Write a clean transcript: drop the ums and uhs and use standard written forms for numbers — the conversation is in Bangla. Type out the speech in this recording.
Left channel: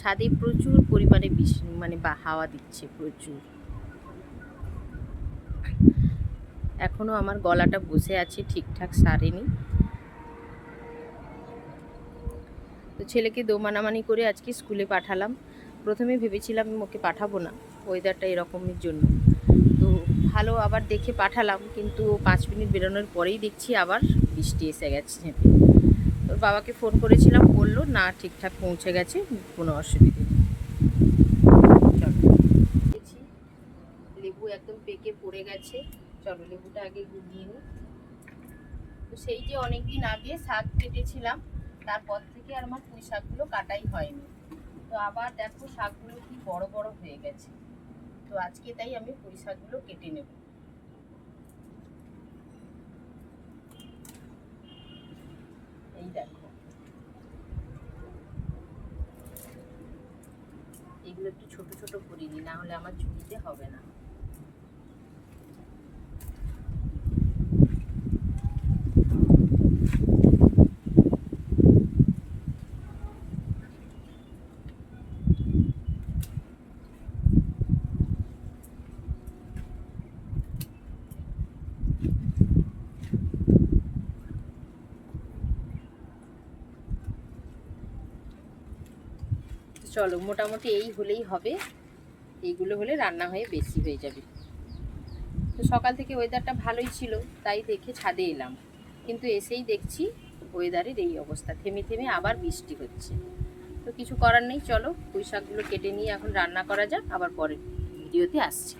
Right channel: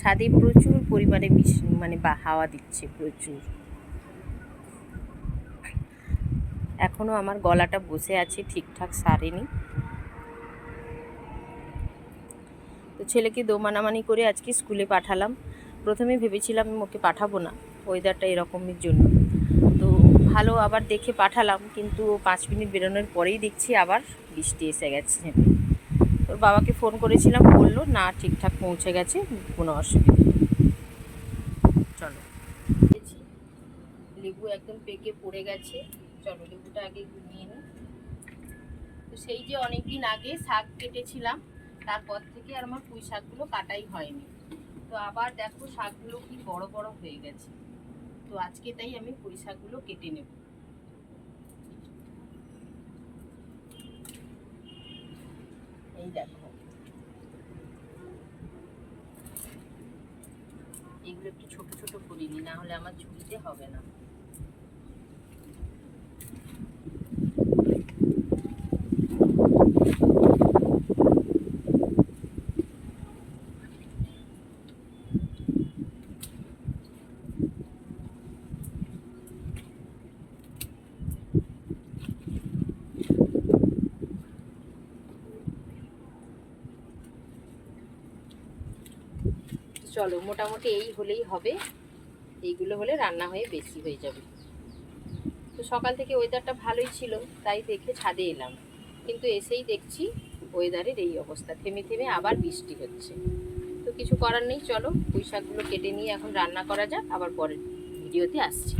ছাদে প্রচুর পরিমাণে মানে হাওয়া দিচ্ছে প্রচুর। এখনো আমার গলাটা বসে আছে, ঠিকঠাক সারেনি। তো ছেলেকে দোমানামানি করে আজকে স্কুলে পাঠালাম। প্রথমে ভেবেছিলাম ওকে পাঠাবো না, ওয়েদারটা এরকমের জন্য। তো ভালো আবার দেখে পাঠালাম, কিন্তু 5 মিনিট বেরোনোর পরেই দেখছি আবার বৃষ্টি এসে গেছে। তোর বাবাকে ফোন করেছিলাম, বললো না ঠিকঠাক পৌঁছে গেছে, কোনো অসুবিধা নেই। চলো, লেবু একদম পেকে পড়ে গেছে। চলো লেবুটা আগে গুলিয়ে নিই। তো সেই যে অনেকদিন আগে শাক কেটেছিলাম, তারপর থেকে আর আমার পুঁই শাকগুলো কাটাই হয়নি। তো আবার দেখো শাকগুলো কি বড় বড় হয়ে গেছে। তো আজকে তাই আমি পুঁই শাকগুলো কেটে নেব। এই দেখো, এগুলো একটু ছোট ছোট করিনি, না হলে আমার ঝুড়িতে হবে না। চলো মোটামুটি এই হলেই হবে, এইগুলো হলে রান্না হয়ে বেশি হয়ে যাবে। তো সকাল থেকে ওয়েদারটা ভালোই ছিল, তাই দেখে ছাদে এলাম, কিন্তু এসেই দেখছি ওয়েদারের এই অবস্থা, থেমে থেমে আবার বৃষ্টি হচ্ছে। তো কিছু করার নেই, চলো পুঁই শাকগুলো কেটে নিয়ে এখন রান্না করা যাক, আবার পরের ভিডিওতে আসছি।